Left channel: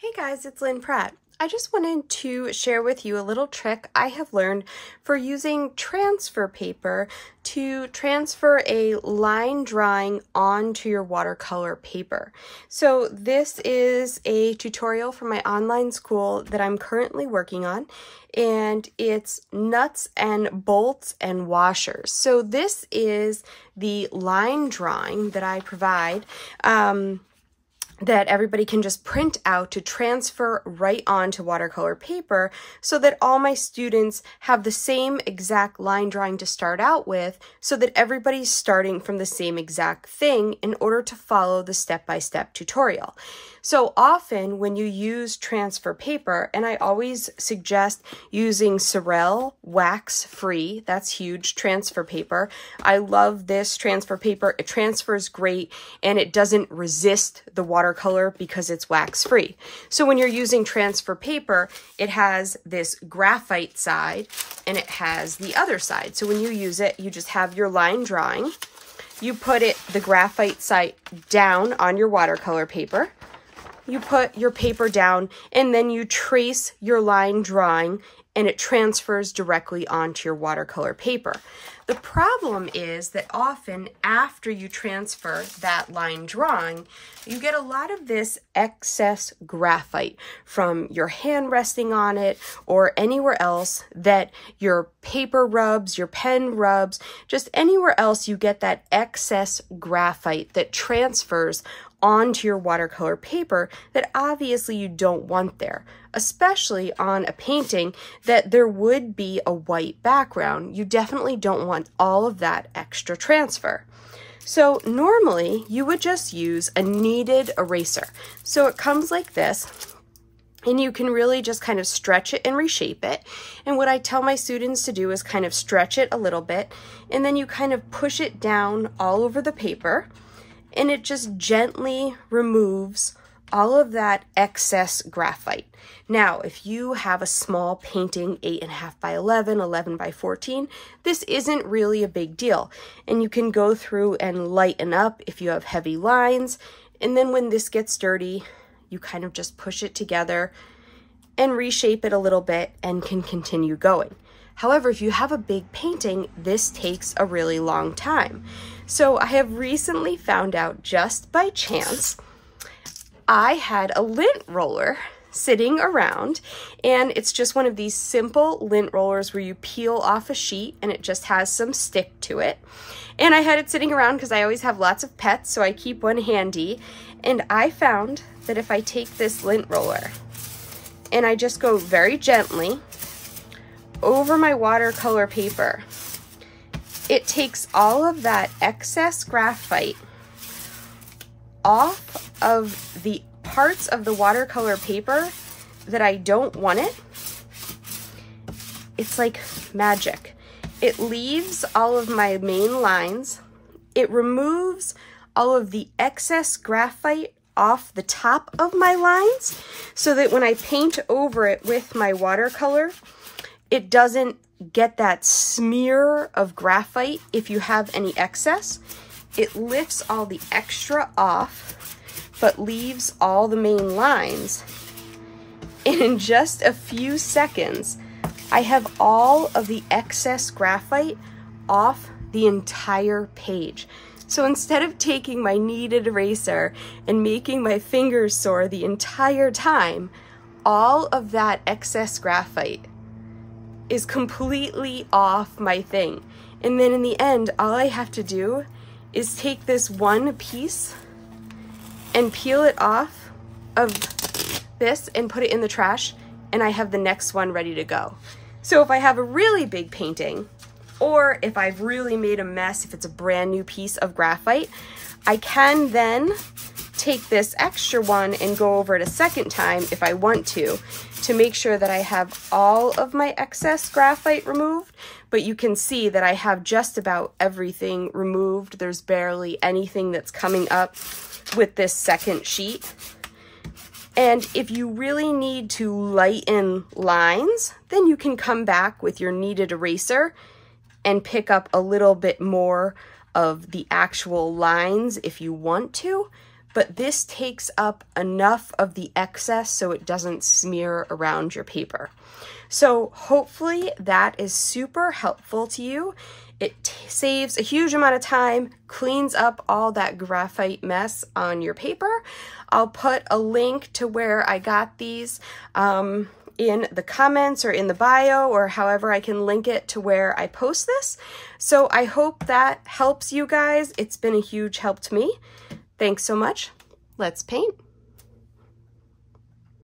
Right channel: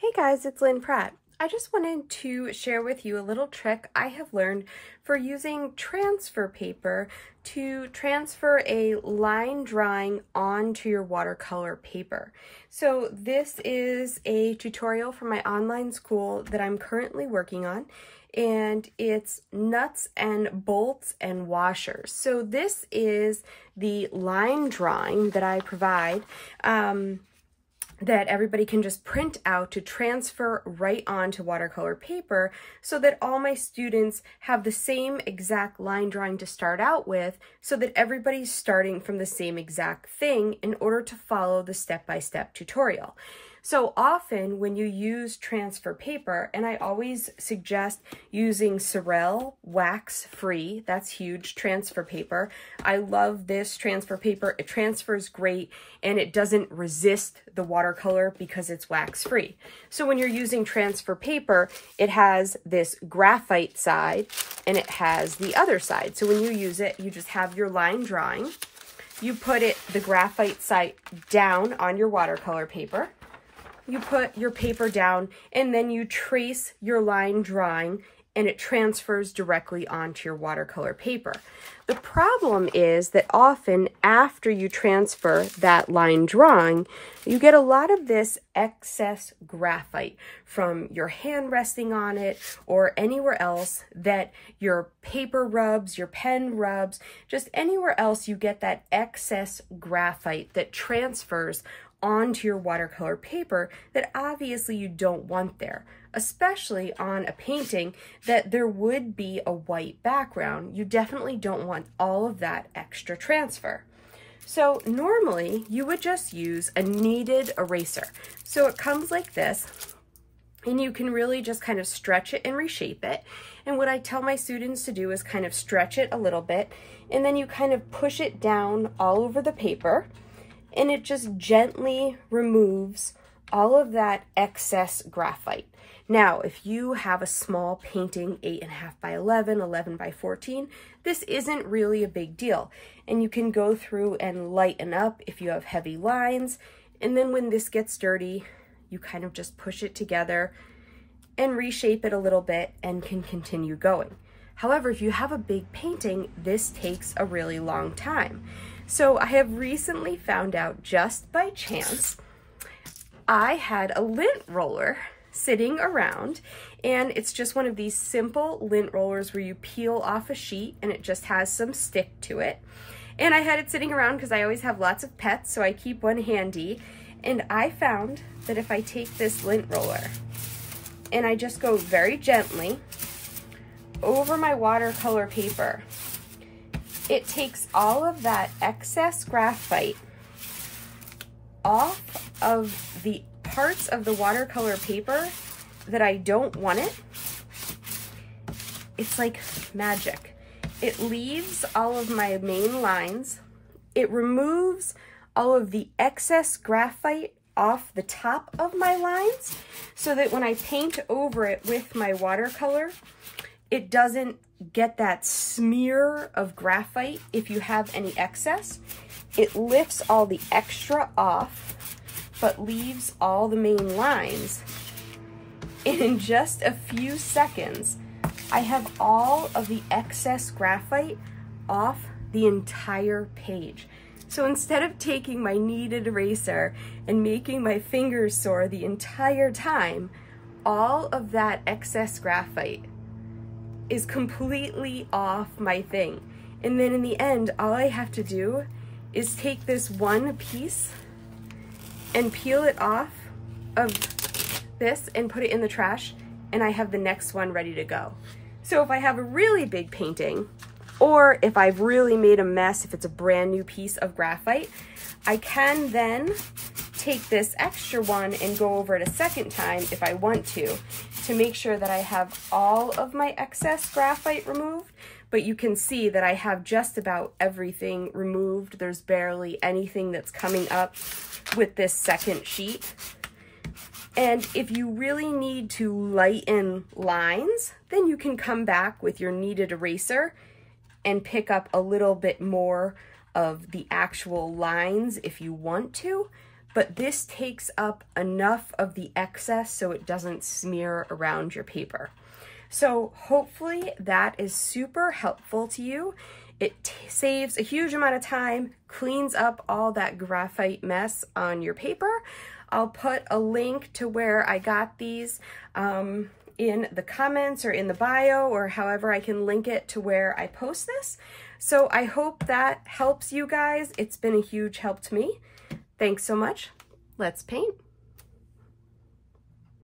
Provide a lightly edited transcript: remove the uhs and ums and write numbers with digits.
Hey guys, it's Lynn Pratt. I just wanted to share with you a little trick I have learned for using transfer paper to transfer a line drawing onto your watercolor paper. So this is a tutorial from my online school that I'm currently working on, and it's nuts and bolts and washers. So this is the line drawing that I provide that everybody can just print out to transfer right onto watercolor paper so that all my students have the same exact line drawing to start out with, so that everybody's starting from the same exact thing in order to follow the step-by-step tutorial. So often when you use transfer paper, and I always suggest using Sorel wax-free, that's huge, transfer paper. I love this transfer paper. It transfers great and it doesn't resist the watercolor because it's wax-free. So when you're using transfer paper, it has this graphite side and it has the other side. So when you use it, you just have your line drawing. You put the graphite side down on your watercolor paper. You put your paper down and then you trace your line drawing and it transfers directly onto your watercolor paper. The problem is that often after you transfer that line drawing, you get a lot of this excess graphite from your hand resting on it or anywhere else that your paper rubs, your pen rubs, just anywhere else you get that excess graphite that transfers onto your watercolor paper that obviously you don't want there, especially on a painting that there would be a white background. You definitely don't want all of that extra transfer. So normally you would just use a kneaded eraser. So it comes like this, and you can really just kind of stretch it and reshape it. And what I tell my students to do is kind of stretch it a little bit, and then you kind of push it down all over the paper, and it just gently removes all of that excess graphite. Now, if you have a small painting, 8.5 by 11, 11 by 14, this isn't really a big deal. And you can go through and lighten up if you have heavy lines. And then when this gets dirty, you kind of just push it together and reshape it a little bit and can continue going. However, if you have a big painting, this takes a really long time. So I have recently found out, just by chance, I had a lint roller sitting around, and it's just one of these simple lint rollers where you peel off a sheet and it just has some stick to it. And I had it sitting around because I always have lots of pets, so I keep one handy. And I found that if I take this lint roller and I just go very gently over my watercolor paper, it takes all of that excess graphite off of the parts of the watercolor paper that I don't want it. It's like magic. It leaves all of my main lines. It removes all of the excess graphite off the top of my lines so that when I paint over it with my watercolor, it doesn't get that smear of graphite if you have any excess. It lifts all the extra off, but leaves all the main lines. And in just a few seconds, I have all of the excess graphite off the entire page. So instead of taking my kneaded eraser and making my fingers sore the entire time, all of that excess graphite is completely off my thing. And then in the end, all I have to do is take this one piece and peel it off of this and put it in the trash, and I have the next one ready to go. So if I have a really big painting, or if I've really made a mess, if it's a brand new piece of graphite, I can then take this extra one and go over it a second time if I want to make sure that I have all of my excess graphite removed. But you can see that I have just about everything removed. There's barely anything that's coming up with this second sheet. And if you really need to lighten lines, then you can come back with your kneaded eraser and pick up a little bit more of the actual lines if you want to. but this takes up enough of the excess so it doesn't smear around your paper. So hopefully that is super helpful to you. It saves a huge amount of time, cleans up all that graphite mess on your paper. I'll put a link to where I got these in the comments or in the bio, or however I can link it to where I post this. So I hope that helps you guys. It's been a huge help to me. Thanks so much. Let's paint.